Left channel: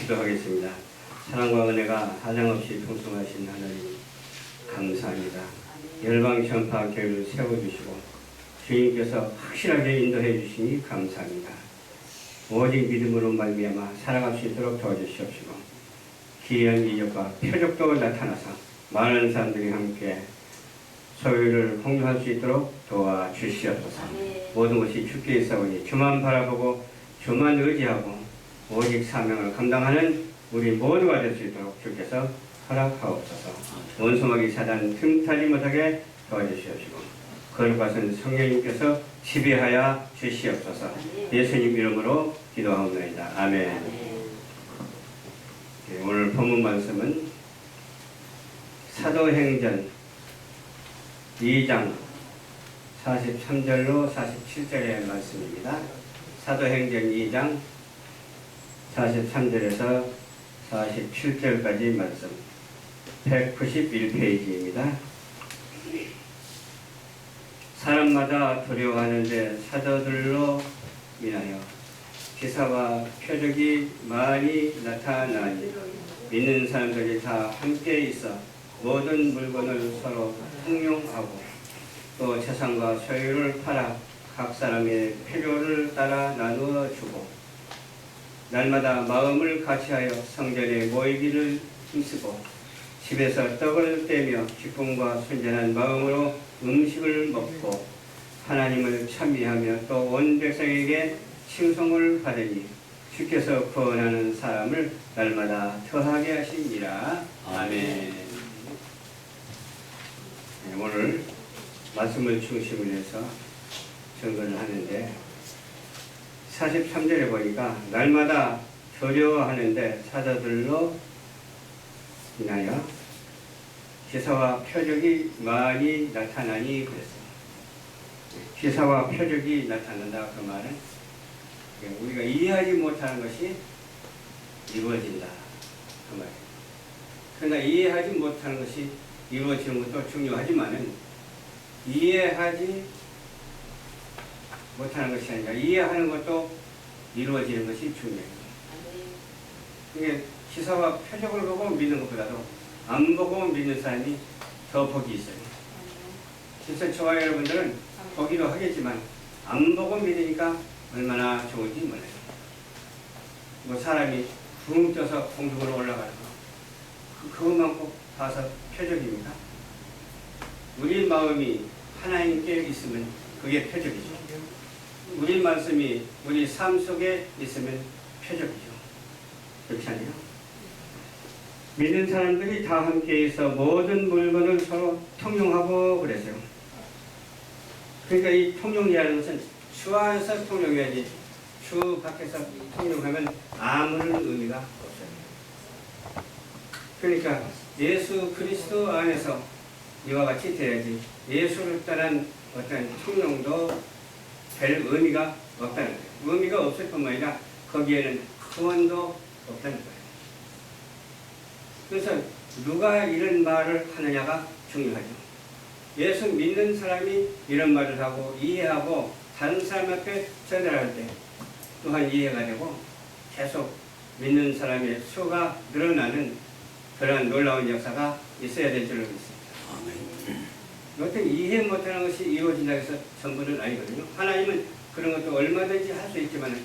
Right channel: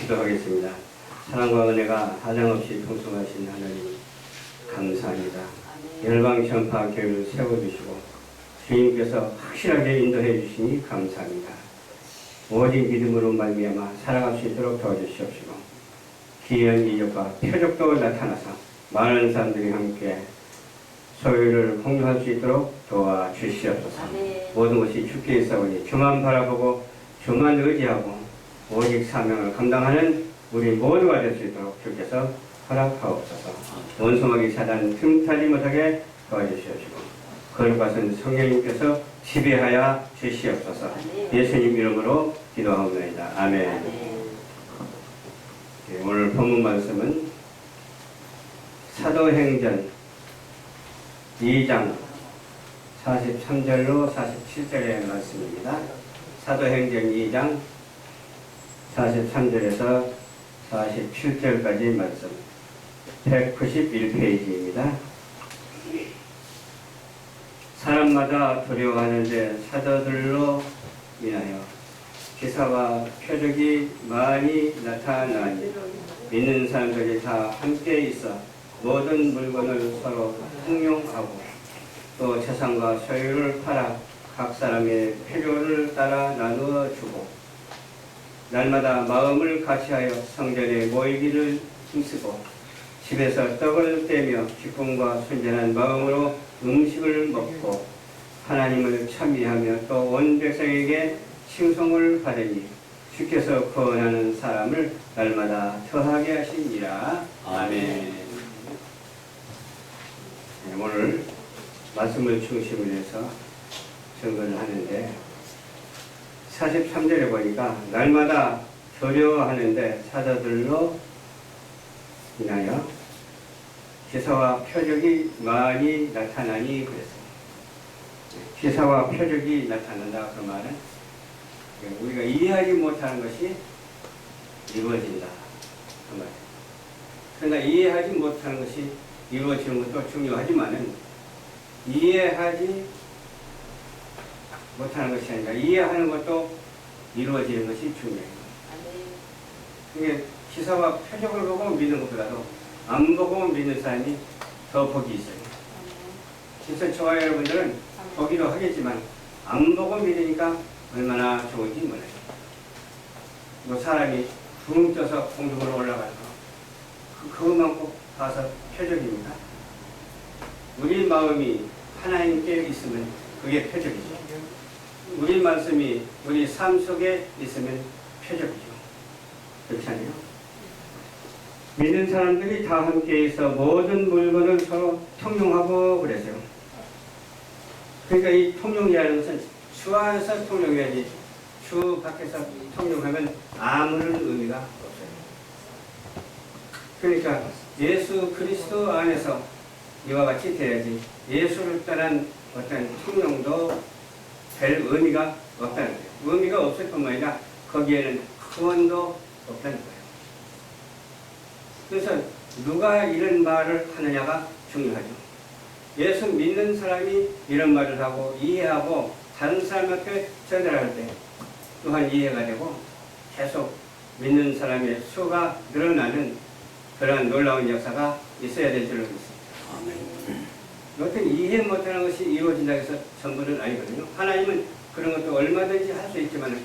기도하겠습니다. 사랑과 은혜가 하장없이 풍성하신 하나님 감사합니다. 열방 전파 교회를 세워주시고 주님께서 확실하게 인도해 주시니 감사합니다. 오직 믿음으로 말미암아 살아갈 수 있도록 도와주시옵시고 기이한 이적과 표적도 나타나서 많은 사람들이 함께 소유를 공유할 수 있도록 도와주시옵소서. 모든 것이 주께 있사오니 주만 바라보고 주만 의지하고 오직 사명을 감당하는 우리 모두가 될 수 있도록 주께서 허락하옵소서. 원수마귀 사단 틈타지 못하게 도와주시옵시고 거룩하신 성령님께서 지배하여 주시옵소서. 예수님 이름으로 기도하옵나이다. 아멘. 오늘 본문 말씀은 사도행전 2장 43절로 47절의 말씀입니다. 사도행전 2장 43절에서 47절까지 말씀 191페이지입니다. 사람마다 두려워하는데 사도들로 인하여 기사와 표적이 많이 나타나니 믿는 사람들이 다 함께 있어 모든 물건을 서로 통용하고 또 재산과 소유를 팔아 각 사람의 필요를 따라 나누어 주고 날마다 마음을 같이하여 성전에 모이기를 힘쓰고 집에서 떡을 떼며 기쁨과 순전한 마음으로 음식을 먹고 하나님을 찬미하며 또 온 백성에게 칭송을 받으니 주께서 구원하는 사람을 날마다 더하게 하시니라. 아멘. 오늘 말씀을 중심으로 해서 증거를 하는데 43절에 보니까 날마다 두려워하는데 사도들로 인하여 기사와 표적이 많이 나타나니 그랬어요. 기사와 표적이 나타난다. 그 말은 우리가 이해하지 못하는 것이 이루어진다. 그 말이에요. 그러나 이해하지 못하는 것이 이루어지는 것도 중요하지만은 이해하지 못하는 것이 아니라 이해하는 것도 이루어지는 것이 중요해요. 이게 기사와 표적을 보고 믿는 것보다도 안 보고 믿는 사람이 더 복이 있어요. 그래서 저와 여러분들은 보기도 하겠지만 안 보고 믿으니까 얼마나 좋은지 몰라요. 뭐 사람이 붕 떠서 공중으로 올라가는 거 그것만 꼭 봐서 표적입니다. 우리 마음이 하나님께 있으면 그게 표적이죠. 우리 말씀이 우리 삶 속에 있으면 표적이죠. 그렇지 않아요? 믿는 사람들이 다 함께 있어 모든 물건을 서로 통용하고 그랬어요. 그러니까 이 통용이라는 것은 주 안에서 통용해야지 주 밖에서 통용하면 아무런 의미가 없어요. 그러니까 예수 그리스도 안에서 이와 같이 돼야지 예수를 떠난 어떤 통용도 별 의미가 없다는 거예요. 의미가 없을 뿐만 아니라 거기에는 구원도 없다는 거예요. 그래서 누가 이런 말을 하느냐가 중요하죠. 예수 믿는 사람이 이런 말을 하고 이해하고 다른 사람한테 전달할 때 또한 이해가 되고 계속 믿는 사람의 수가 늘어나는 그러한 놀라운 역사가 있어야 될 줄로 믿습니다. 어떤 이해 못하는 것이 이루어진다고 해서 전부는 아니거든요. 하나님은 그런 것도 얼마든지 할 수 있지만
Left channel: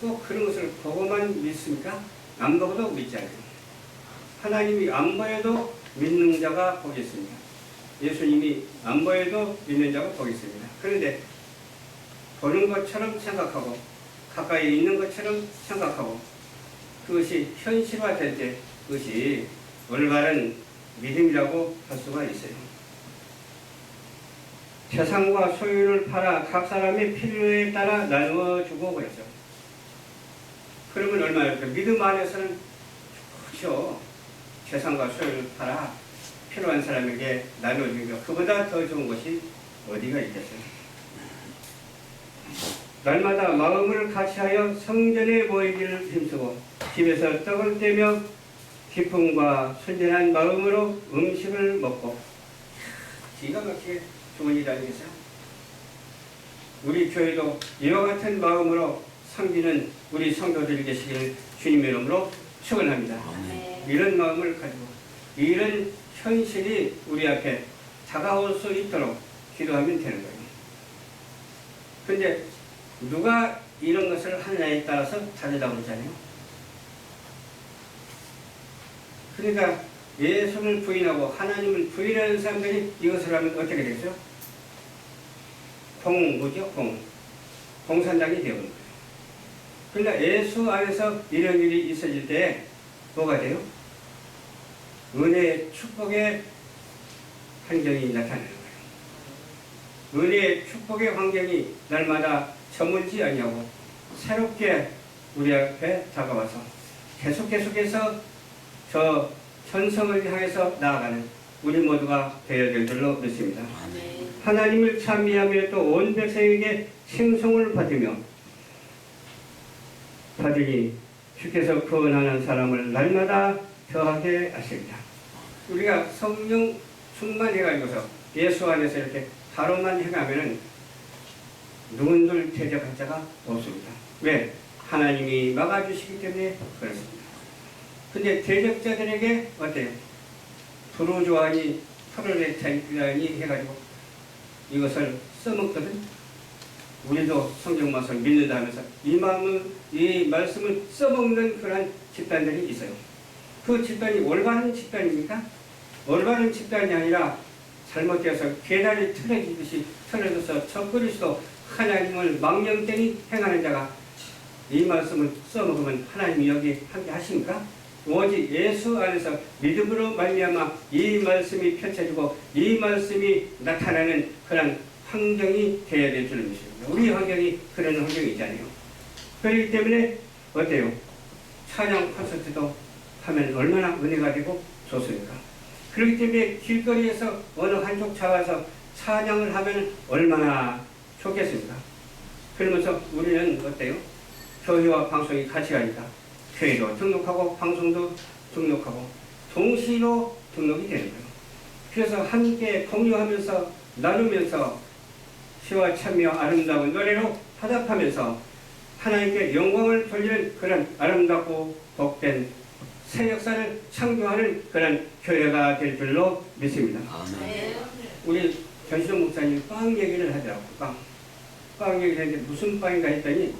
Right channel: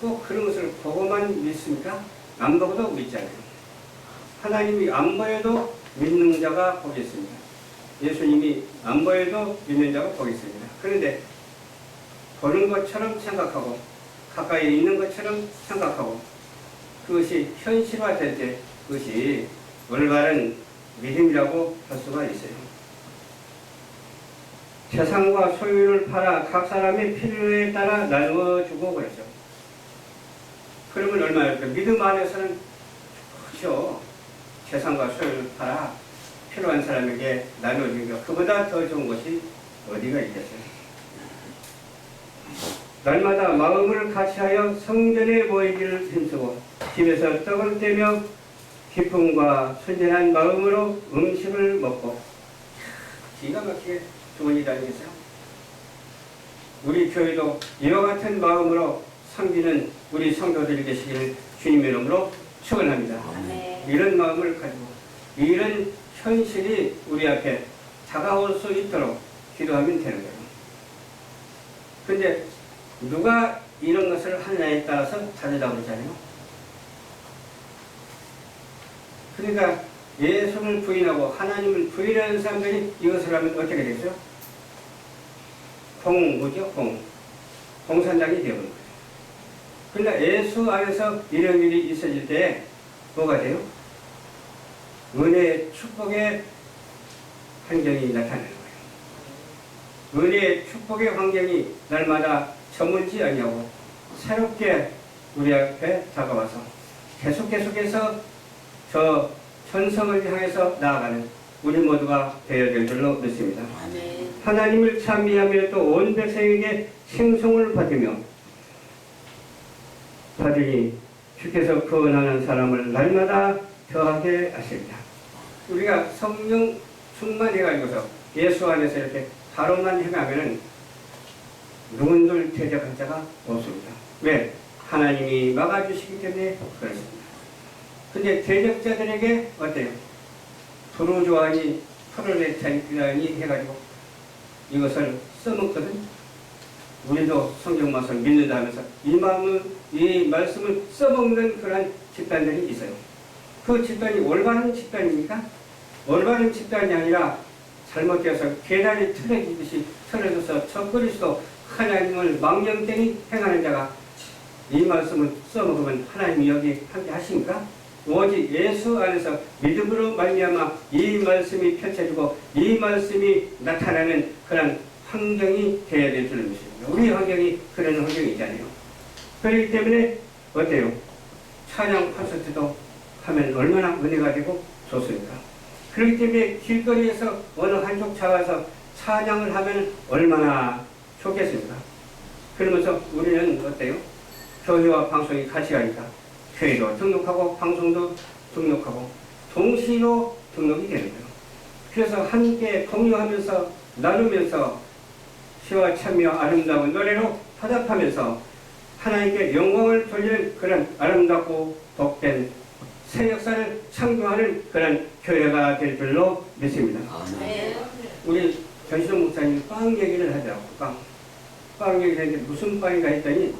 꼭 그런 것을 보고만 믿습니까? 안 보고도 믿잖아요. 하나님이 안 보여도 믿는 자가 복이 있습니다. 예수님이 안 보여도 믿는 자가 복이 있습니다. 그런데 보는 것처럼 생각하고 가까이 있는 것처럼 생각하고 그것이 현실화될 때 그것이 올바른 믿음이라고 할 수가 있어요. 재산과 소유를 팔아 각 사람의 필요에 따라 나누어 주고 그랬죠. 그러면 얼마일까? 믿음 안에서는 좋죠. 재산과 소유를 팔아 필요한 사람에게 나누어주니까 그보다 더 좋은 것이 어디가 있겠어요? 날마다 마음을 같이하여 성전에 모이기를 힘쓰고 집에서 떡을 떼며 기쁨과 순전한 마음으로 음식을 먹고 기가 막히게 좋은 일 아니겠어요? 우리 교회도 이와 같은 마음으로 섬기는 우리 성도들이 되시기를 주님의 이름으로 축원합니다. 아멘. 이런 마음을 가지고 이런 현실이 우리 앞에 다가올 수 있도록 기도하면 되는 거예요. 근데 누가 이런 것을 하느냐에 따라서 다르다고 그러잖아요. 그러니까 예수를 부인하고 하나님을 부인하는 사람들이 이것을 하면 어떻게 되겠죠? 뭐죠? 공산당이 되어버린 거예요. 그러니까 예수 안에서 이런 일이 있어질 때 뭐가 돼요? 은혜의 축복의 환경이 나타나는 거예요. 은혜의 축복의 환경이 날마다 저물지 아니하고 새롭게 우리 앞에 다가와서 계속해서 저 천성을 향해서 나아가는 우리 모두가 되어야 될 줄로 믿습니다. 아멘. 하나님을 찬미하며 또 온 백성에게 칭송을 받으니 주께서 구원하는 사람을 날마다 더하게 하십니다. 우리가 성령 충만해가지고서 예수 안에서 이렇게 바로만 행하면은 누군들 대적할 자가 없습니다. 왜? 하나님이 막아주시기 때문에 그렇습니다. 근데 대적자들에게 어때요? 브루조아니 프로레타리안이 해가지고 이것을 써먹거든. 우리도 성경 말씀을 믿는다 하면서 이 말씀을 써먹는 그런 집단들이 있어요. 그 집단이 올바른 집단입니까? 올바른 집단이 아니라 잘못되어서 계단이 틀어지듯이 틀어져서 척거리수도 하나님을 망령되니 행하는 자가 이 말씀을 써먹으면 하나님이 여기 함께 하십니까? 오직 예수 안에서 믿음으로 말미암아 이 말씀이 펼쳐지고 이 말씀이 나타나는 그런 환경이 되어야 될 줄을 믿습니다. 우리 환경이 그런 환경이잖아요. 그렇기 때문에 어때요? 찬양 콘서트도 하면 얼마나 은혜가 되고 좋습니까? 그렇기 때문에 길거리에서 어느 한쪽 잡아서 찬양을 하면 얼마나 좋겠습니까? 그러면서 우리는 어때요? 교회와 방송이 같이 가니까 교회도 등록하고 방송도 등록하고 동시로 등록이 되는 거예요. 그래서 함께 공유하면서 나누면서 시와 참미와 아름다운 노래로 화답하면서 하나님께 영광을 돌리는 그런 아름답고 복된 새 역사를 창조하는 그런 교회가 될 줄로 믿습니다. 네. 우리 전시동 목사님이 빵 얘기를 하더라고요. 빵 얘기를 했는데 무슨 빵인가 했더니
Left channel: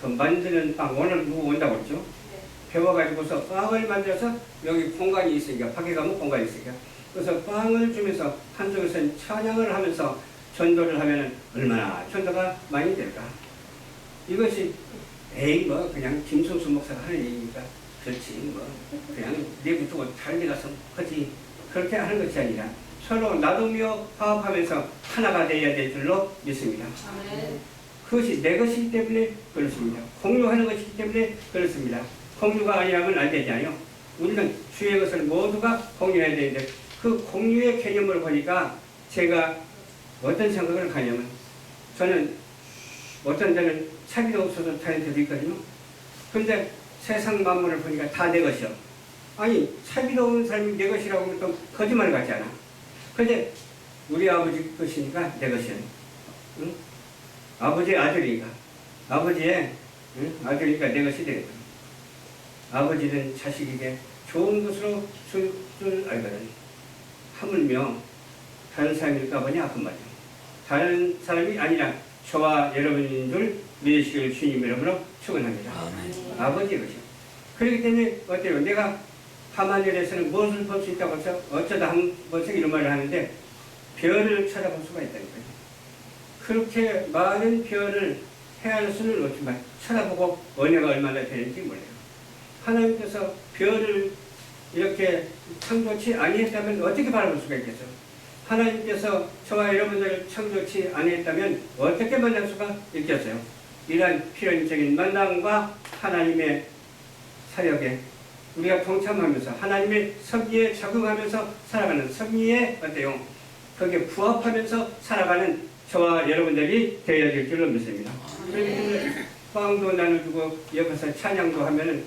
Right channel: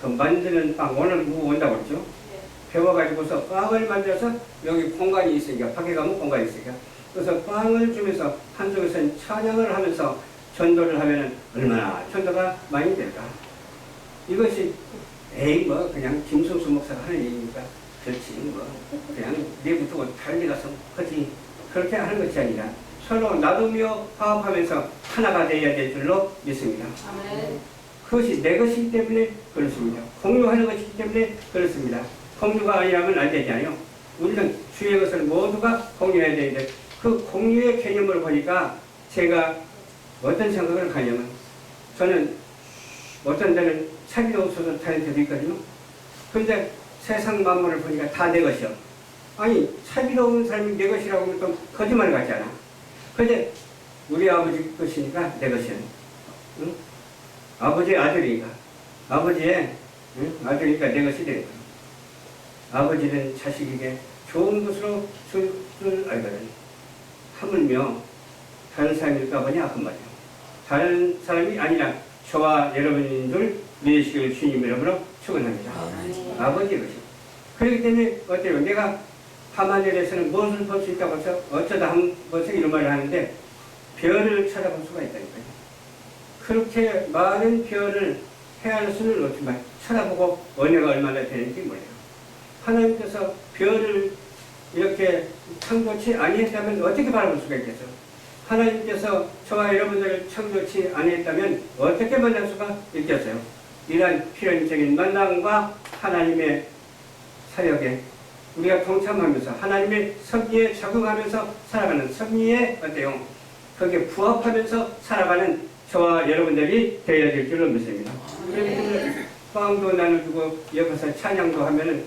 그 만드는 빵 오늘 누구 온다고 그랬죠? 네. 배워가지고서 빵을 만들어서 여기 공간이 있으니까 밖에 가면 공간이 있으니까 그래서 빵을 주면서 한쪽에서는 찬양을 하면서 전도를 하면 얼마나 전도가 많이 될까? 이것이 에이 뭐 그냥 김성수 목사가 하는 얘기니까 그렇지 뭐 그냥 내부터 다른 데 가서 하지 그렇게 하는 것이 아니라 서로 나누며 화합하면서 하나가 되어야 될 줄로 믿습니다. 아멘. 그것이 내 것이기 때문에 그렇습니다. 공유하는 것이기 때문에 그렇습니다. 공유가 아니라면 안 되잖아요. 우리는 주의 것을 모두가 공유해야 되는데 그 공유의 개념을 보니까 제가 어떤 생각을 가냐면 저는 어떤 데는 차비도 없어서 다닐 때도 있거든요. 근데 세상 만물을 보니까 다 내 것이요. 아니 차비도 없는 사람이 내 것이라고 하면 또 거짓말 같잖아. 근데 우리 아버지 것이니까 내 것이야. 응? 아버지의 아들이니까 아버지의 아들이니까 내 것이 되는 거예요. 아버지는 자식에게 좋은 것으로 줄 알거든. 하물며 다른 사람일까 보니 아픈 말이에요. 다른 사람이 아니라 저와 여러분인 줄 믿으시길 주님 이름으로 축원합니다. 아버지의 것이요. 그렇기 때문에 어때요? 내가 밤하늘에서는 무엇을 볼 수 있다고 해서 어쩌다 한 번씩 이런 말을 하는데 별을 쳐다볼 수가 있다는 거예요. 그렇게 많은 별을 헤아릴 수는 없지만 쳐다보고 은혜가 얼마나 되는지 몰라요. 하나님께서 별을 이렇게 창조치 아니했다면 어떻게 바라볼 수가 있겠죠? 하나님께서 저와 여러분들을 창조치 아니했다면 어떻게 만날 수가 있겠어요? 이러한 필연적인 만남과 하나님의 사역에 우리가 동참하면서 하나님의 섭리에 적응하면서 살아가는 섭리에 어때요? 거기에 부합하면서 살아가는 저와 여러분들이 되어야 될 줄로 믿습니다. 그렇기 때문에 빵도 나눠주고 옆에서 찬양도 하면은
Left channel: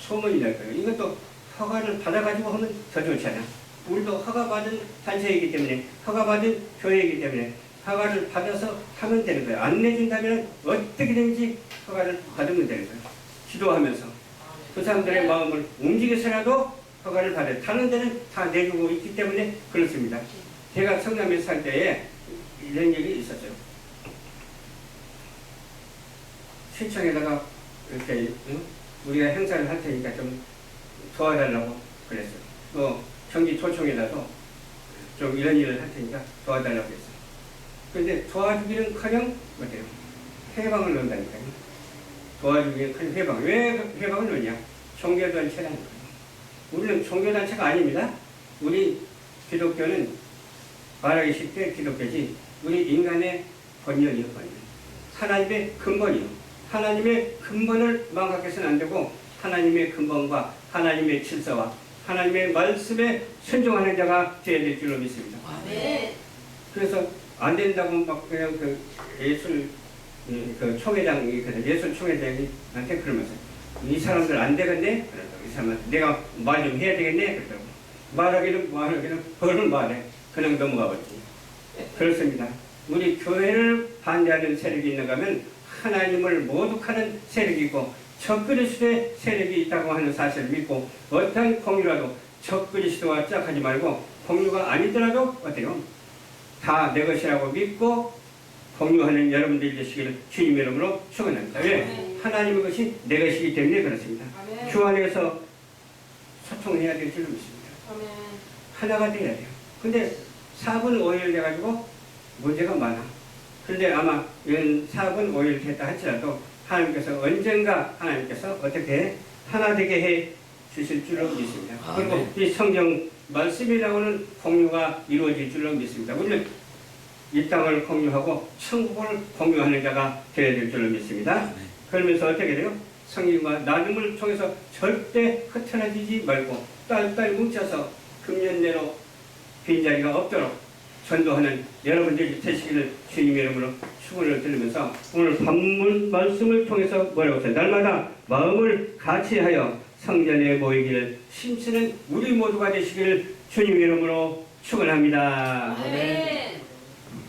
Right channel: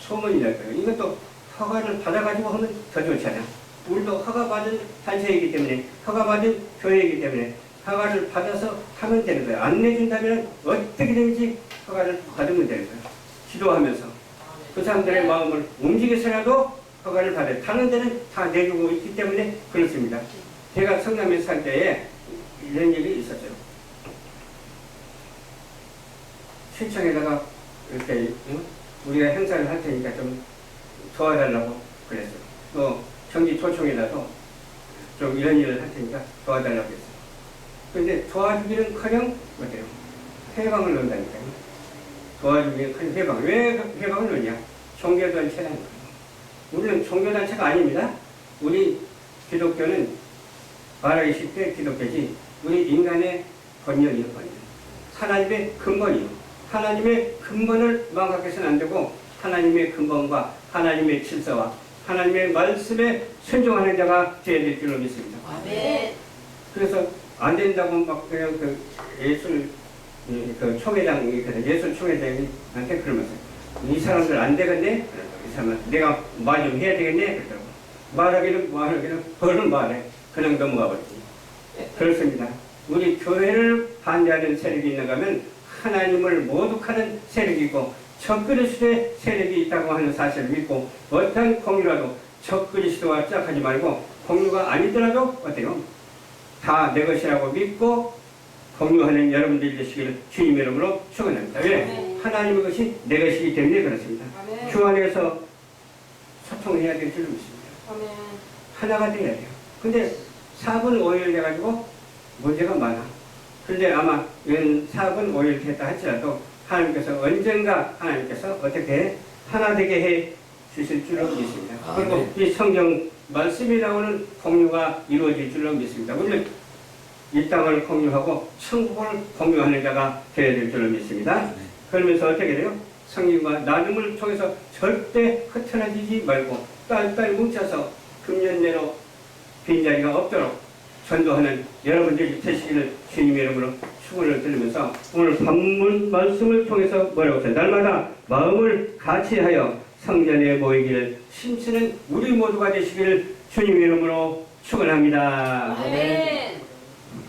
소문이 날 거예요. 이것도 허가를 받아가지고 하면 더 좋잖아. 우리도 허가받은 단체이기 때문에 허가받은 교회이기 때문에 허가를 받아서 하면 되는 거예요. 안 내준다면 어떻게든지 허가를 받으면 되는 거예요. 기도하면서 그 사람들의 마음을 움직여서라도 허가를 받아요. 다른 데는 다 내주고 있기 때문에 그렇습니다. 제가 성남에 살 때에 이런 일이 있었어요. 시청에다가 이렇게 우리가 행사를 할 테니까 좀 도와달라고 그랬어요. 또 경기도청에다도 좀 이런 일을 할 테니까 도와달라고 했어요. 그런데 도와주기는커녕 어때요? 해방을 넣는다니까요. 도와주기는커녕 해방. 왜 해방을 넣냐? 종교단체라니까요. 우리는 종교단체가 아닙니다. 우리 기독교는 말하기 쉽게 기독교지 우리 인간의 본연이요, 본연. 하나님의 근본이요. 하나님의 근본을 망각해서는 안 되고 하나님의 근본과 하나님의 질서와 하나님의 말씀에 순종하는 자가 되어야 될 줄로 믿습니다. 네. 그래서 안 된다고 막 그냥 그 예술 그 총회장이 예술 총회장이 나한테 그러면서 이 사람들 안 되겠네? 그러더라고. 이 사람한테 내가 말 좀 해야 되겠네? 그러더라고. 말하기는 벌을 말해. 그냥 넘어가 버리지. 그렇습니다. 우리 교회를 반대하는 세력이 있는가 하면 하나님을 모독하는 세력이고 적그리스도의 세력이 있다고 하는 사실을 믿고 어떤 공유라도 적그리스도와 짝하지 말고 공유가 아니더라도 어때요? 다 내 것이라고 믿고 공유하는 여러분들이 되시기를 주님의 이름으로 축원합니다. 왜? 하나님의 것이 내 것이기 때문에 그렇습니다. 아멘. 주 안에서 소통해야 될 줄로 믿습니다. 아멘. 하나가 돼야 돼요. 근데 4분 5일 돼가지고 문제가 많아. 그런데 아마 이런 4분 5일 됐다 할지라도 하나님께서 언젠가 하나님께서 어떻게 하나 되게 해 주실 줄로 믿습니다. 그리고 이 성경 말씀이 나오는 공유가 이루어질 줄로 믿습니다. 우리는 이 땅을 공유하고 천국을 공유하는 자가 되어야 될 줄로 믿습니다. 그러면서 어떻게 돼요? 성령과 나눔을 통해서 절대 흩어지지 말고 딸딸 뭉쳐서 금년 내로 빈자리가 없도록 전도하는 여러분들이 되시기를 주님의 이름으로 축원을 드리면서 오늘 본문 말씀을 통해서 뭐라고 했어요? 날마다 마음을 같이하여 성전에 모이기를 힘쓰는 우리 모두가 되시기를 주님의 이름으로 축원합니다. 아멘.